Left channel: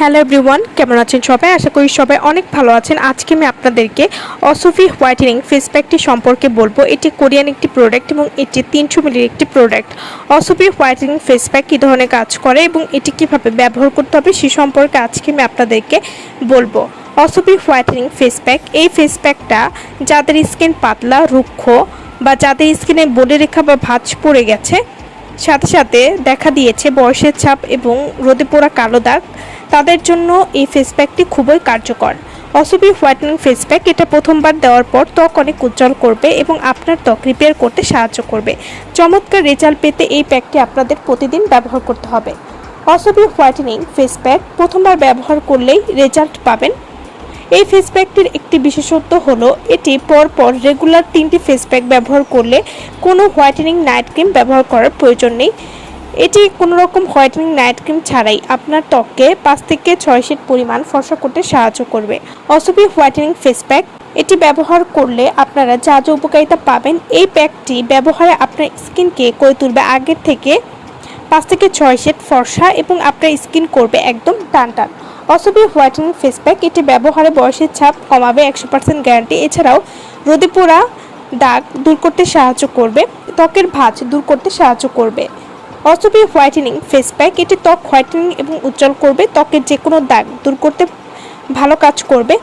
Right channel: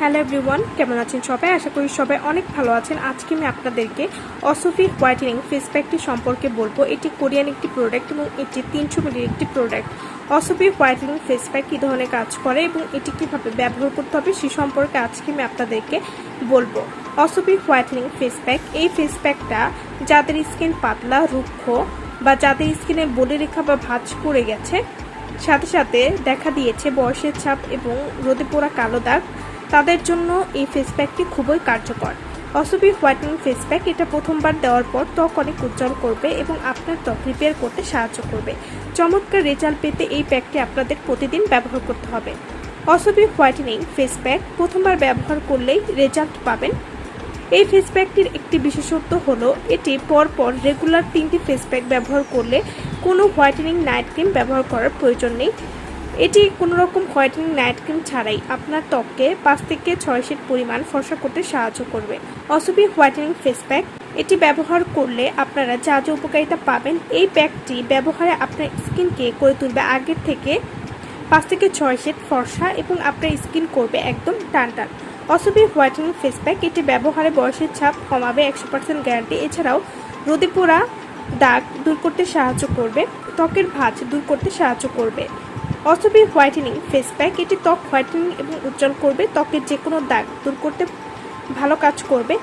Hello everyone, কেমন আছেন সবাই? আশা করি সবাই অনেক ভালো আছেন। আজকে আমি আপনাদেরকে OSUFI হোয়াইটেনিং ফেস প্যাকটি সম্পর্কে বলবো। এটি কোরিয়ান একটি প্রোডাক্ট এবং এটি 300 মিলির একটি product. OSUFI whitening face pack কী ধরনের কাজ করে এবং এটি কীভাবে ব্যবহার করতে হবে সে সম্পর্কে আজকে আমি আপনাদেরকে বলবো। OSUFI হোয়াইটেনিং ফেস প্যাক, এই ফেস প্যাকটা যাদের স্কিন পাতলা, রুক্ষ বা যাদের স্কিনে বলিরেখা বা ভাঁজ পড়ে গেছে, সাথে সাথে দেখা দিয়েছে বয়সের ছাপ এবং রোদে পোড়া কালো দাগ, তাদের জন্য এই ফেস প্যাকটি খুবই কার্যকর। OSUFI হোয়াইটেনিং ফেস প্যাক এটা প্রথমবার দেওয়ার পর ত্বক অনেক উজ্জ্বল করবে এবং আপনার ত্বক রিপেয়ার করতে সাহায্য করবে। চমৎকার রেজাল্ট পেতে এই প্যাকটি আপনাদের প্রতিদিন ব্যবহার করতে হবে। OSUFI হোয়াইটেনিং ফেস প্যাক প্রথমবার ব্যবহার করলেই রেজাল্ট পাবেন। এই ফেস প্যাকটির একটি বিশেষত্ব হলো এটি পরপর রেগুলার 3টি ফেস প্যাক ব্যবহার করলে কোনো হোয়াইটেনিং নাইট ক্রিম ব্যবহার করার প্রয়োজন নেই। এটি কোনো রকম হোয়াইটেনিং নাইট ক্রিম ছাড়াই আপনার ত্বককে 5 থেকে 6 শেড পরিমাণ ফর্সা করতে সাহায্য করবে। OSUFI হোয়াইটেনিং ফেস প্যাক এটি ব্যবহার করলে আপনারা যা যা উপকারিতা পাবেন, এই প্যাকটি ব্যবহারে আপনার স্কিনকে করে তুলবে আগের থেকে 5 থেকে 6 শেড ফর্সা এবং আপনার স্কিন করবে একদম টানটান। OSUFI হোয়াইটেনিং ফেস প্যাক এটি ব্যবহারে বয়সের ছাপ কমাবে 100% গ্যারান্টি। এছাড়াও রোদে পোড়া দাগ দূর করতে সাহায্য করবে, ত্বকের ভাঁজ দূর করতে সাহায্য করবে। OSUFI হোয়াইটেনিং ফেস প্যাক এটি ত্বক হোয়াইটেনিং এবং উজ্জ্বল করবে, ত্বকের যে কোনো দাগ দূর করতে ভালো কাজ করবে,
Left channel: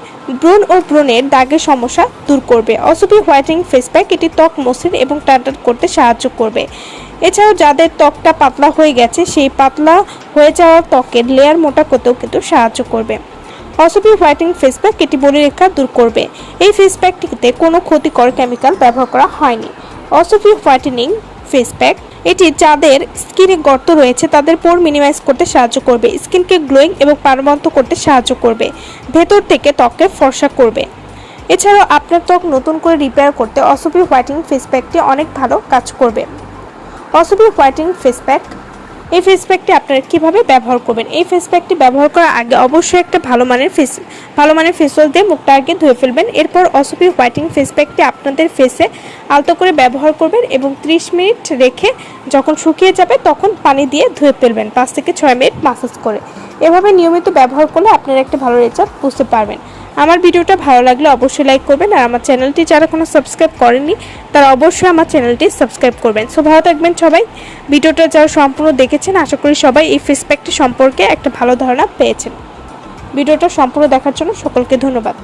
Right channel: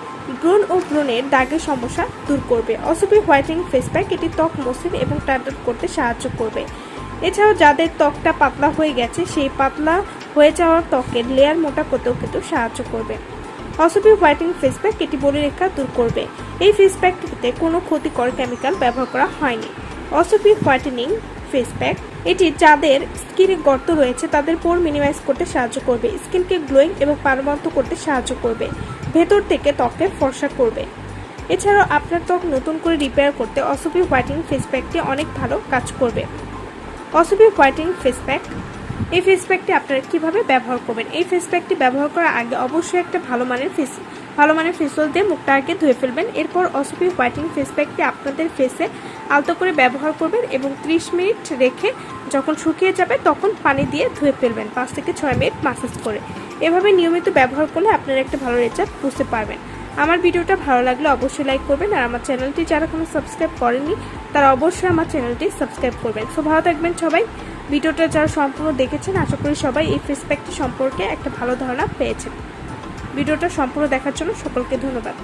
ব্রণ ও ব্রণের দাগের সমস্যা দূর করবে। OSUFI হোয়াইটেনিং ফেস প্যাক এটি ত্বক মসৃণ এবং টানটান করতে সাহায্য করবে। এছাড়াও যাদের ত্বকটা পাতলা হয়ে গেছে, সেই পাতলা হয়ে যাওয়া ত্বকের লেয়ার মোটা করতেও কিন্তু সাহায্য করবে। OSUFI হোয়াইটেনিং ফেস প্যাক এটি বলিরেখা দূর করবে। এই ফেস প্যাকটিতে কোনো ক্ষতিকর কেমিক্যাল ব্যবহার করা হয়নি। OSUFI হোয়াইটেনিং ফেস প্যাক এটি যাদের স্কিনে গর্ত রয়েছে তাদের পোর মিনিমাইজ করতে সাহায্য করবে, স্কিনকে গ্লোয়িং এবং প্রাণবন্ত করতে সাহায্য করবে, ভেতর থেকে ত্বককে ফর্সা করবে। এছাড়াও আপনার ত্বক নতুন করে রিপেয়ার করতে OSUFI হোয়াইটেনিং ফেস প্যাকটি অনেক ভালো কাজ করবে। OSUFI হোয়াইটেনিং ফেস প্যাক, এই ফেস প্যাকটি আপনারা কীভাবে ব্যবহার করবেন? এই ফেস প্যাকটি ব্যবহার করার আগে অবশ্যই একটা ভালো মানের ফেস ওয়াশ দিয়ে মুখটা আগে ধুয়ে ফেলবেন। এরপর OSUFI হোয়াইটেনিং ফেস প্যাকটি আপনাদের ফেসে আলতো করে ব্যবহার করবেন এবং 30 মিনিট রেখে যখন শুকিয়ে যাবে তখন পানি দিয়ে ধুয়ে ফেলবেন 5 থেকে 6 মিনিট মাসাজ করে। এভাবে নিয়মিত ব্যবহার করলে আপনারা একটা ভালো রেজাল্ট বুঝতে পারবেন। আমার ভিডিওটা ভালো লাগলে অবশ্যই লাইক করবেন, আর আমার চ্যানেলটি যারা এখনো সাবস্ক্রাইব করেননি তারা অবশ্যই আমার চ্যানেলটি সাবস্ক্রাইব করবেন। সো ভালো থাকবেন সবাই। ভিডিওটা যারা সম্পূর্ণ দেখেছেন, আশা করি সবাই এই ফেস প্যাকটি সম্পর্কে একটা ভালো ধারণা পেয়েছেন। ভিডিওটা সম্পূর্ণ দেখার জন্য সকলকে ধন্যবাদ।